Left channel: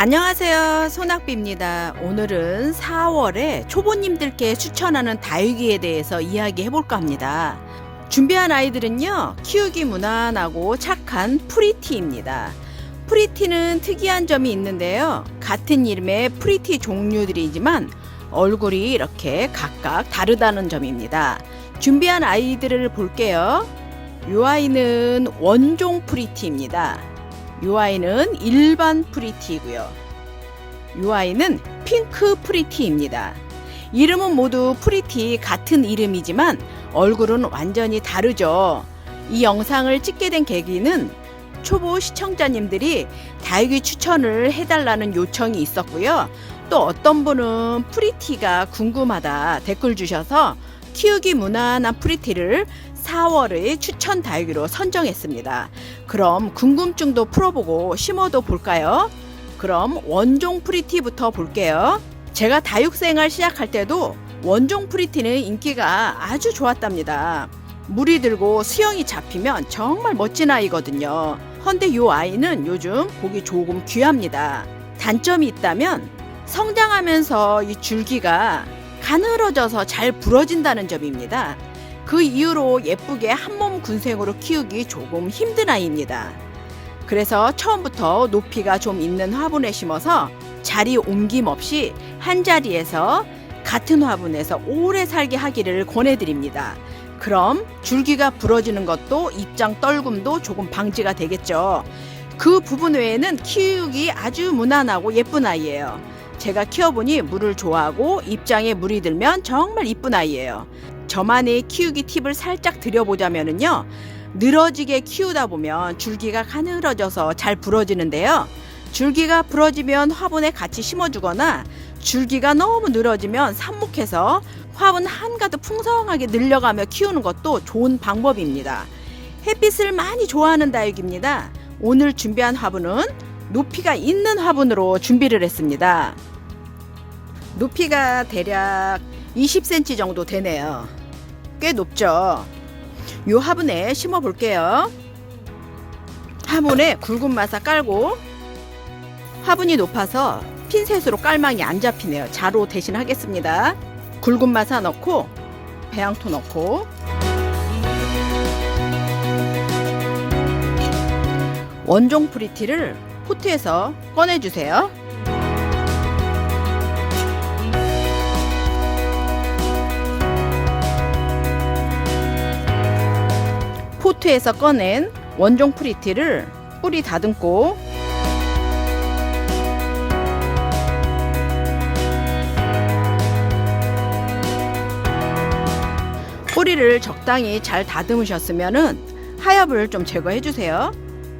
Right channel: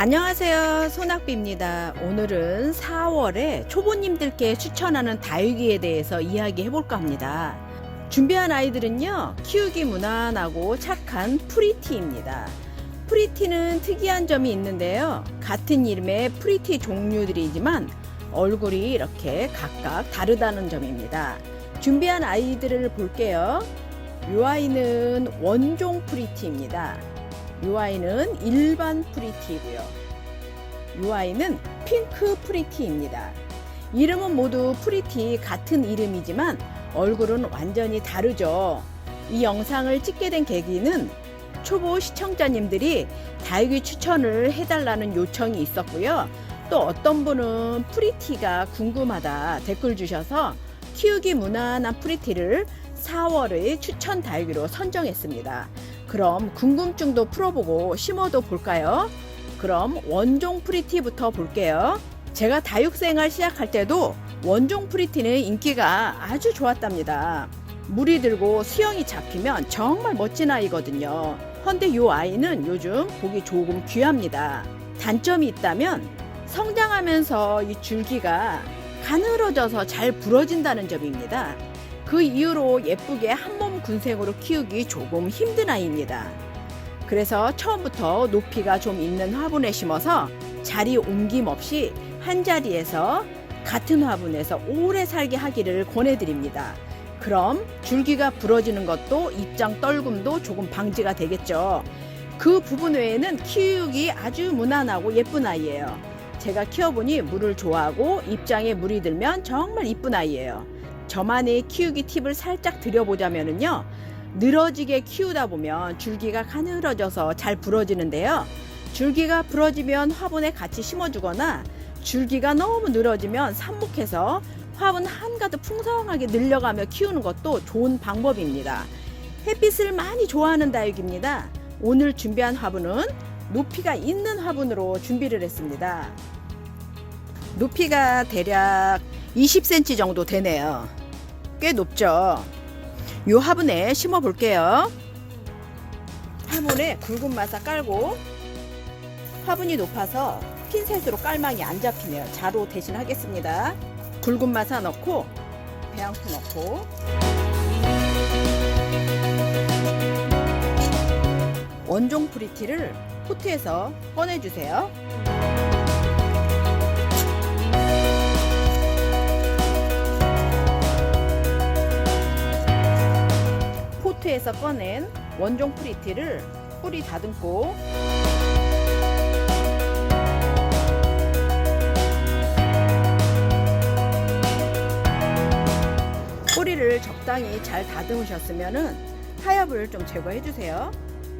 안녕하세요, 소낙비입니다. 오늘은 4월에 초보님들께 추천하는 다육이에 대해서 이야기해 볼까 합니다. 준비한 아이들은요, 키우기 무난하고 착한 프리티입니다. 프리티는 특이한 점이 있는데요, 같은 이름의 프리티 종류들이지만 얼굴이 이렇게 각각 다르다는 점입니다. 준비한 아이들을 볼게요. 이 아이는 원종 프리티입니다. 이 아이는 일반 프리티이고요. 이 아이는 핑크 프리티입니다. 이름은 모두 프리티 같은 이름이지만 얼굴은 완전히 다르죠. 이 영상을 찍게 된 계기는 초보 시청자님들이 다육이 추천을 해달라는 요청이 있었고요. 또 어떤 분은 프리티가 궁금하다 댓글 주셔서 키우기 무난한 프리티를 4월의 추천 다육이로 선정했습니다. 그럼 궁금증도 풀어보고 심어도 볼까요? 그럼 원종 프리티부터 볼게요. 제가 다육생활 시작할 때도 원종 프리티는 인기가 아주 좋았답니다. 물이 들고 수영이 잡히면 정말 멋진 아이거든요. 헌데 이 아이는 요즘 보기 조금 귀합니다. 단점이 있다면 성장하면서 이 줄기가 가늘어져서 잘 부러진다는 점입니다. 그 이후로 예쁘게 한몸 군생으로 키우기 조금 힘든 아이입니다. 그래서 처음부터 높이가 좀 있는 화분에 심어서 자리 옮김 없이 한 자리에서 같은 화분에서 오래 살게 하기를 권해드립니다. 그럼 줄기가 부러지는 것도 입장 떨굼도 조금 방지가 되겠죠. 그 부분 외에는 키우기 아주 무난하고 예쁜 아이예요. 제가 키워보니 물을 좋아하고 입장에 물이 들면 정말 이쁜 아이예요. 저만의 키우기 팁을 살짝 드려보자면요, 늘어지게 키우다 보면 줄기가 가늘어져서 잘 부러지는데요, 줄기가 부러지면 화분에 같이 심어주거나 줄기가 너무 늘어지면 삽목해서 화분 한가득 풍성하게 늘려가며 키우는 것도 좋은 방법입니다. 햇빛을 많이 좋아하는 다육입니다. 오늘 준비한 화분은 높이가 있는 화분으로 준비를 했습니다. 높이가 대략 20cm 정도 되네요. 꽤 높죠. 이 화분에 심어 볼게요. 화분에 굵은 마사 깔고, 화분이 높아서 핀셋으로 깔망이 안 잡히네요. 자로 대신 하겠습니다. 굵은 마사 넣고 배양토 넣고, 원종 프리티를 포트에서 꺼내주세요. 포트에서 꺼낸 원종 프리티를 뿌리 다듬고, 뿌리를 적당히 잘 다듬으셨으면 하엽을 좀 제거해 주세요.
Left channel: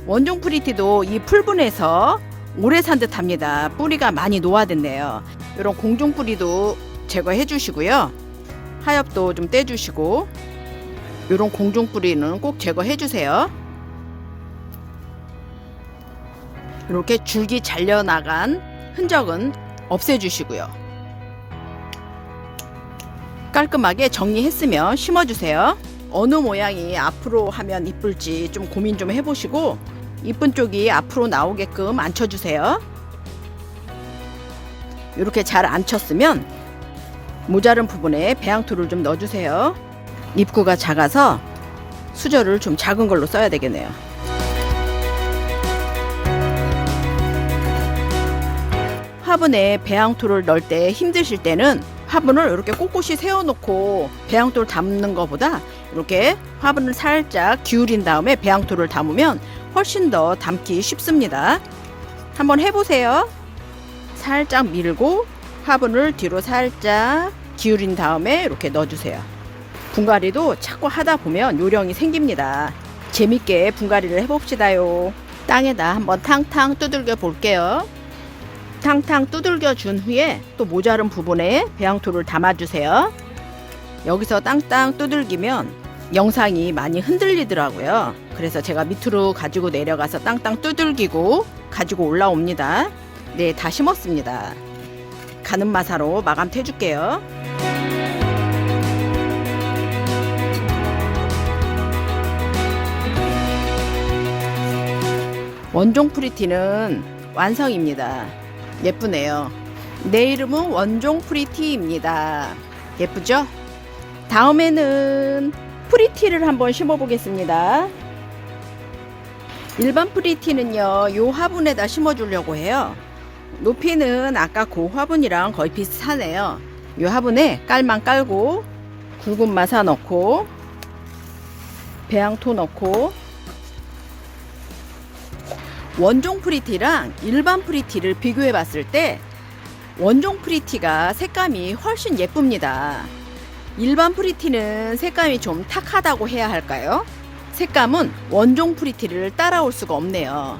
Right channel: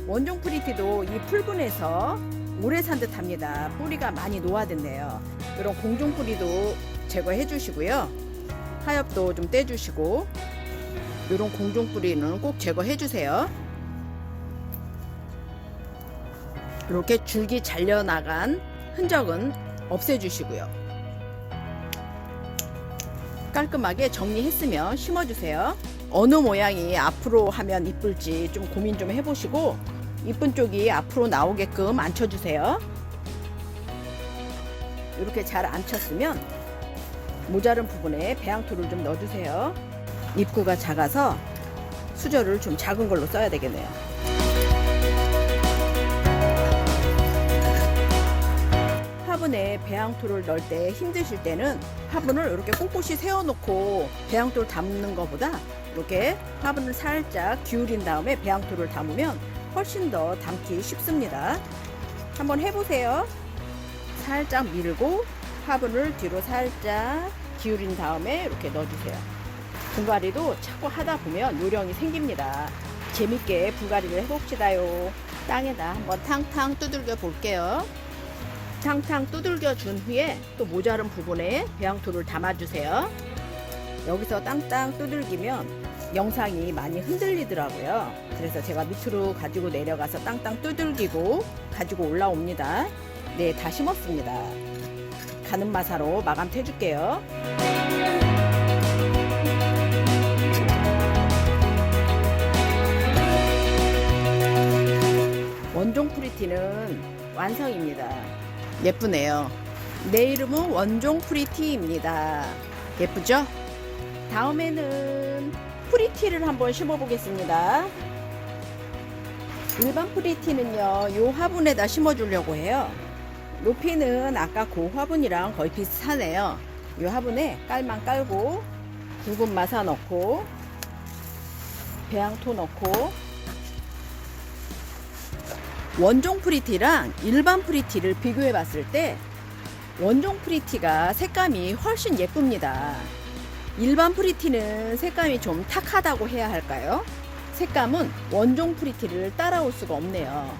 원종 프리티도 이 풀분에서 오래 산 듯 합니다. 뿌리가 많이 노화됐네요. 이런 공중 뿌리도 제거해 주시고요. 하엽도 좀 떼주시고, 이런 공중 뿌리는 꼭 제거해 주세요. 이렇게 줄기 잘려나간 흔적은 없애주시고요. 깔끔하게 정리했으면 심어주세요. 어느 모양이 앞으로 하면 이쁠지 좀 고민 좀 해보시고, 이쁜 쪽이 앞으로 나오게끔 앉혀주세요. 이렇게 잘 앉혔으면 모자른 부분에 배양토를 좀 넣어주세요. 입구가 작아서 수저를 좀 작은 걸로 써야 되겠네요. 화분에 배양토를 넣을 때 힘드실 때는 화분을 이렇게 꼿꼿이 세워놓고 배양토를 담는 것보다 이렇게 화분을 살짝 기울인 다음에 배양토를 담으면 훨씬 더 담기 쉽습니다. 한번 해보세요. 살짝 밀고 화분을 뒤로 살짝 기울인 다음에 이렇게 넣어주세요. 분갈이도 자꾸 하다 보면 요령이 생깁니다. 재밌게 분갈이를 해봅시다요. 땅에다 한번 탕탕 두들겨 볼게요. 탕탕 두들겨 준 후에 또 모자른 부분에 배양토를 담아주세요. 여기서 땅땅 두들기면 영상이 많이 흔들리더라고요. 그래서 제가 밑으로 가지고 내려가서 땅땅 두들기고 가지고 올라옵니다. 네, 다 심었습니다. 가는 마사로 마감 해줄게요. 원종 프리티는 완성입니다. 예쁘네요. 내 이름은 원종 프리티입니다. 예쁘죠? 다음에는 프리티를 한번 심어 보겠습니다. 일반 프리티는요, 요 화분에다 심어 주려고 해요. 높이는 아까 그 화분이랑 거의 비슷하네요. 요 화분에 깔만 깔고 굵은 마사 넣고 배양토 넣고, 원종 프리티랑 일반 프리티를 비교해 봤을 때 원종 프리티가 색감이 훨씬 예쁩니다. 일반 프리티는 색감이 좀 탁하다고 해야 할까요? 색감은 원종 프리티를 따라올 수가 없네요.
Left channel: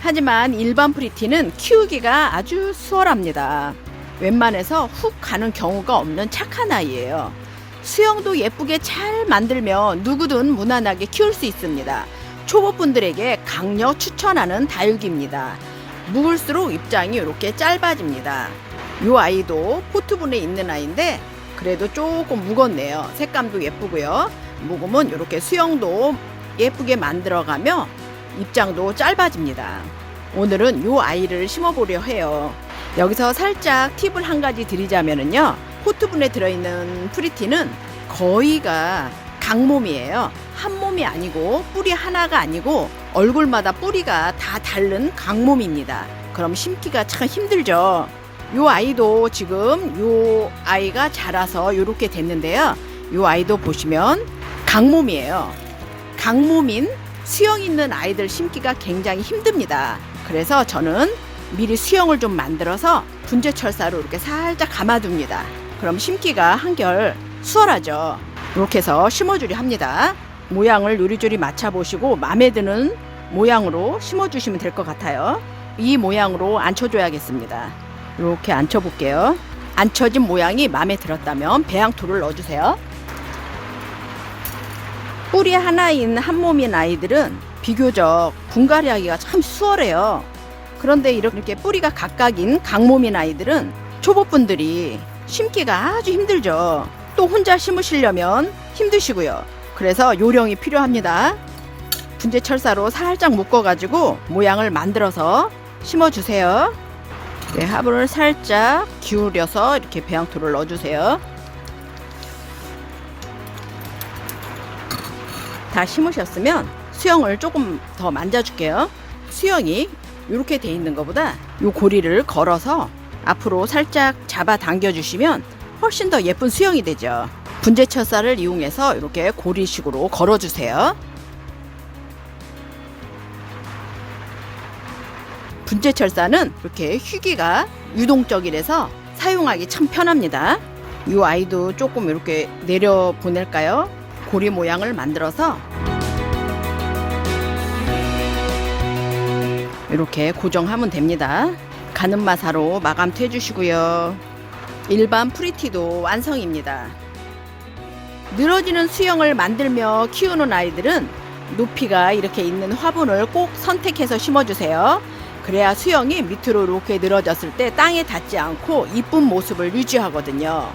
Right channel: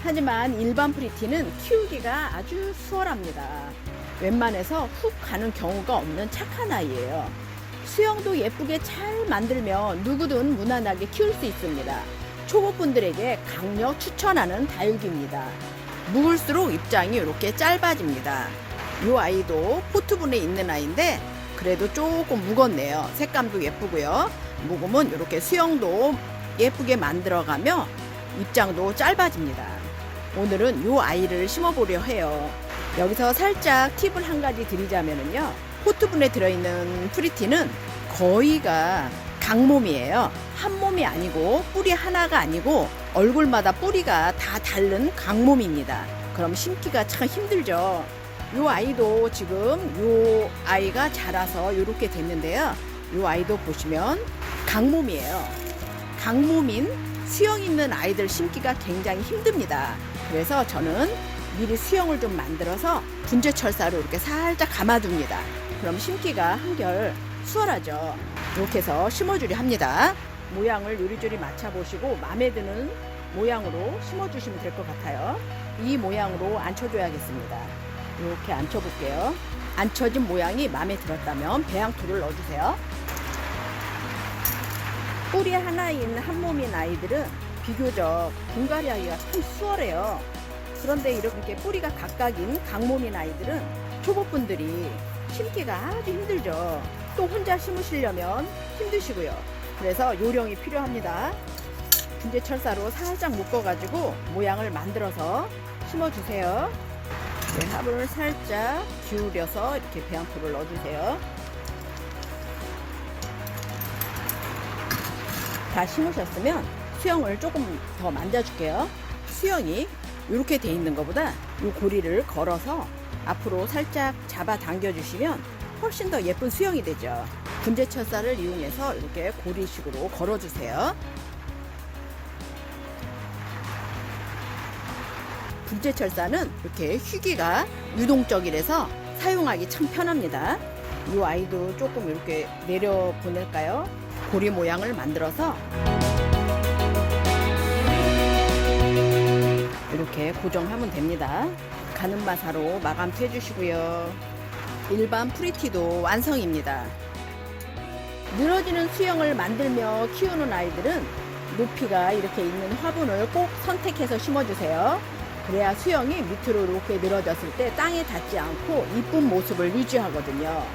하지만 일반 프리티는 키우기가 아주 수월합니다. 웬만해서 훅 가는 경우가 없는 착한 아이예요. 수영도 예쁘게 잘 만들면 누구든 무난하게 키울 수 있습니다. 초보분들에게 강력 추천하는 다육이입니다. 묵을수록 입장이 이렇게 짧아집니다. 이 아이도 포트분에 있는 아이인데 그래도 조금 묵었네요. 색감도 예쁘고요. 묵으면 이렇게 수영도 예쁘게 만들어가며 입장도 짧아집니다. 오늘은 이 아이를 심어보려 해요. 여기서 살짝 팁을 한 가지 드리자면요, 포트분에 들어있는 프리티는 거의가 강몸이에요. 한 몸이 아니고 뿌리 하나가 아니고 얼굴마다 뿌리가 다 다른 강몸입니다. 그럼 심기가 참 힘들죠. 요 아이도 지금 요 아이가 자라서 이렇게 됐는데요. 요 아이도 보시면 강몸이에요. 강몸인 수영 있는 아이들 심기가 굉장히 힘듭니다. 그래서 저는 미리 수영을 좀 만들어서 분재철사로 이렇게 살짝 감아둡니다. 그럼 심기가 한결 수월하죠. 이렇게 해서 심어주려 합니다. 모양을 요리조리 맞춰보시고 마음에 드는 모양으로 심어주시면 될 것 같아요. 이 모양으로 앉혀줘야겠습니다. 이렇게 앉혀볼게요. 앉혀진 모양이 마음에 들었다면 배양토를 넣어주세요. 뿌리 하나인 한 몸인 아이들은 비교적 분갈이하기가 참 수월해요. 그런데 이렇게 뿌리가 각각인 강몸인 아이들은 초보분들이 심기가 아주 힘들죠. 또 혼자 심으시려면 힘드시고요. 그래서 요령이 필요합니다. 분재철사로 살짝 묶어가지고 모양을 만들어서 심어주세요. 네, 화분을 살짝 기울여서 이렇게 배양토를 넣어주세요. 다 심으셨으면 수영을 조금 더 만져줄게요. 수영이 이렇게 돼 있는 것보다 이 고리를 걸어서 앞으로 살짝 잡아 당겨 주시면 훨씬 더 예쁜 수영이 되죠. 분재철사를 이용해서 이렇게 고리식으로 걸어주세요. 분재철사는 이렇게 휘기가 유동적이라서 사용하기 참 편합니다. 이 아이도 조금 이렇게 내려 보낼까요? 고리 모양을 만들어서 이렇게 고정하면 됩니다. 가는 마사로 마감해 주시고요. 일반 프리티도 완성입니다. 늘어지는 수영을 만들며 키우는 아이들은 높이가 이렇게 있는 화분을 꼭 선택해서 심어주세요. 그래야 수영이 밑으로 이렇게 늘어졌을 때 땅에 닿지 않고 이쁜 모습을 유지하거든요.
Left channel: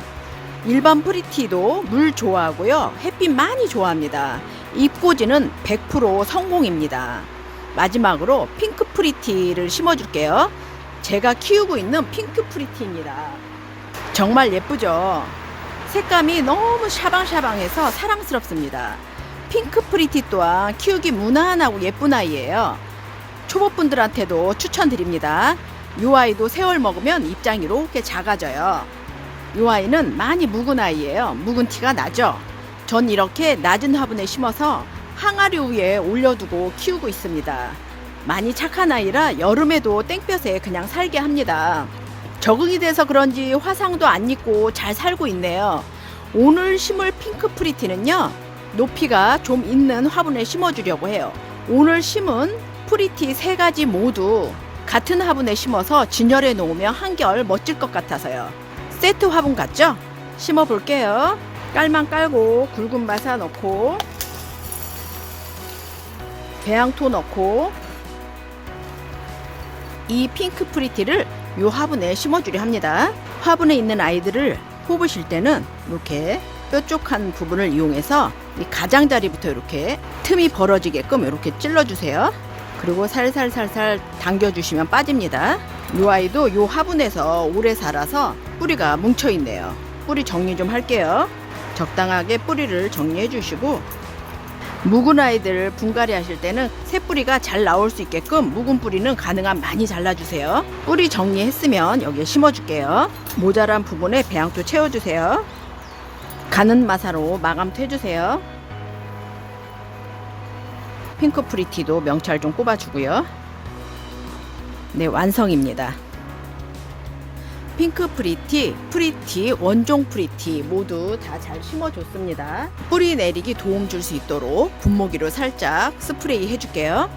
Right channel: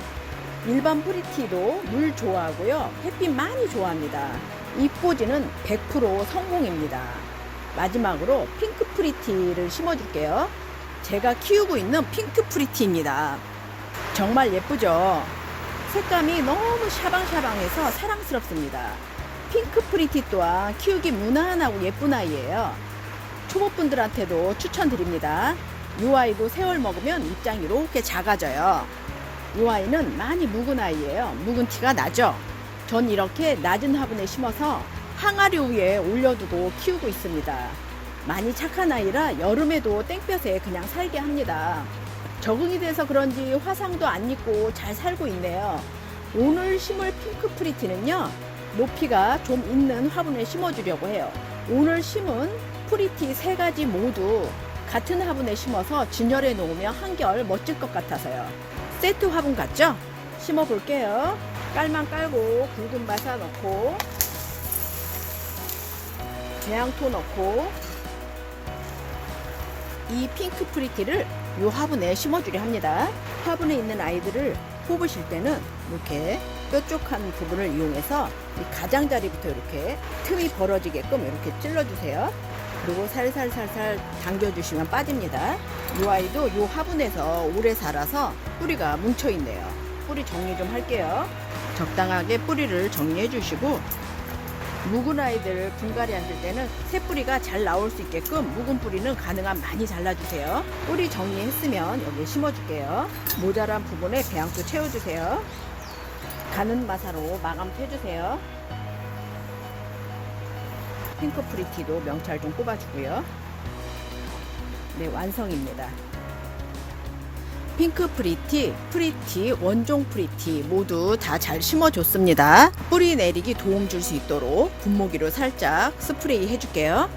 일반 프리티도 물 좋아하고요, 햇빛 많이 좋아합니다. 입고지는 100% 성공입니다. 마지막으로 핑크 프리티를 심어줄게요. 제가 키우고 있는 핑크 프리티입니다. 정말 예쁘죠? 색감이 너무 샤방샤방해서 사랑스럽습니다. 핑크 프리티 또한 키우기 무난하고 예쁜 아이예요. 초보분들한테도 추천드립니다. 이 아이도 세월 먹으면 입장이 이렇게 작아져요. 이 아이는 많이 묵은 아이예요. 묵은 티가 나죠? 전 이렇게 낮은 화분에 심어서 항아리 위에 올려두고 키우고 있습니다. 많이 착한 아이라 여름에도 땡볕에 그냥 살게 합니다. 적응이 돼서 그런지 화상도 안 입고 잘 살고 있네요. 오늘 심을 핑크 프리티는요, 높이가 좀 있는 화분에 심어주려고 해요. 오늘 심은 프리티 3가지 모두 같은 화분에 심어서 진열해 놓으면 한결 멋질 것 같아서요. 세트 화분 같죠? 심어 볼게요. 깔만 깔고 굵은 마사 넣고 배양토 넣고 이 핑크 프리티를 이 화분에 심어주려 합니다. 화분에 있는 아이들을 뽑으실 때는 이렇게 뾰족한 부분을 이용해서 이 가장자리부터 이렇게 틈이 벌어지게끔 이렇게 찔러주세요. 그리고 살살살살 당겨주시면 빠집니다. 이 아이도 요 화분에서 오래 자라서 뿌리가 뭉쳐 있네요. 뿌리 정리 좀 할게요. 적당하게 뿌리를 정리해 주시고, 묵은 아이들 분갈이 하실 때는 새 뿌리가 잘 나올 수 있게끔 묵은 뿌리는 가능한 많이 잘라주세요. 뿌리 정리했으면 여기에 심어줄게요. 모자란 부분에 배양토 채워주세요. 가는 마사로 마감토 해주세요. 핑크 프리티도 명찰 좀 꼽아주고요. 네, 완성입니다. 핑크 프리티, 프리티, 원종 프리티 모두 다 잘 심어줬습니다. 뿌리 내리기 도움 줄 수 있도록 분무기로 살짝 스프레이 해줄게요.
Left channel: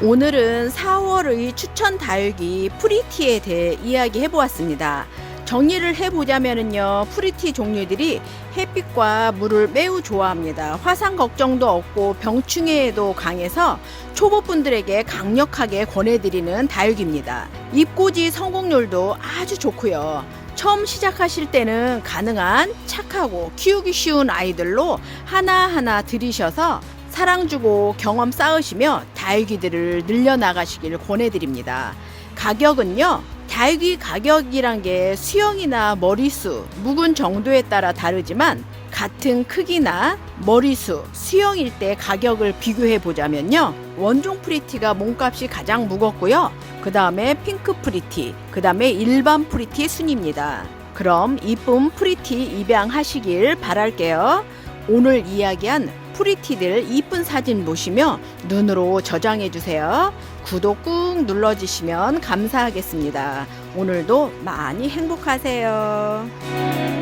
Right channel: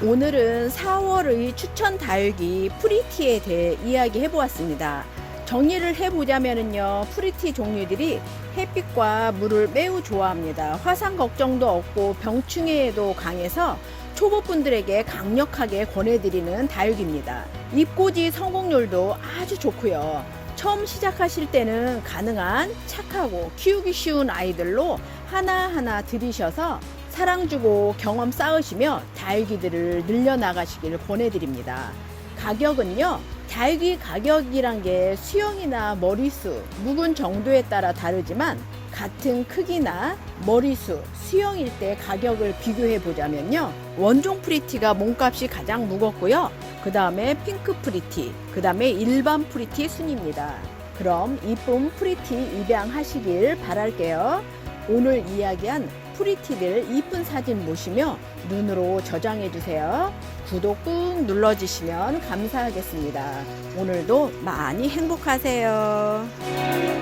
오늘은 4월의 추천 다육이 프리티에 대해 이야기해 보았습니다. 정리를 해보자면요, 프리티 종류들이 햇빛과 물을 매우 좋아합니다. 화상 걱정도 없고 병충해에도 강해서 초보분들에게 강력하게 권해드리는 다육입니다. 입고지 성공률도 아주 좋고요. 처음 시작하실 때는 가능한 착하고 키우기 쉬운 아이들로 하나하나 들이셔서 사랑 주고 경험 쌓으시며 다육이들을 늘려나가시길 권해드립니다. 가격은요, 다육이 가격이란 게 수영이나 머리수, 묵은 정도에 따라 다르지만 같은 크기나 머리수, 수영일 때 가격을 비교해 보자면요, 원종 프리티가 몸값이 가장 무겁고요, 그 다음에 핑크 프리티, 그 다음에 일반 프리티 순입니다. 그럼 이쁜 프리티 입양하시길 바랄게요. 오늘 이야기한 프리티들 이쁜 사진 보시며 눈으로 저장해 주세요. 구독 꾹 눌러주시면 감사하겠습니다. 오늘도 많이 행복하세요.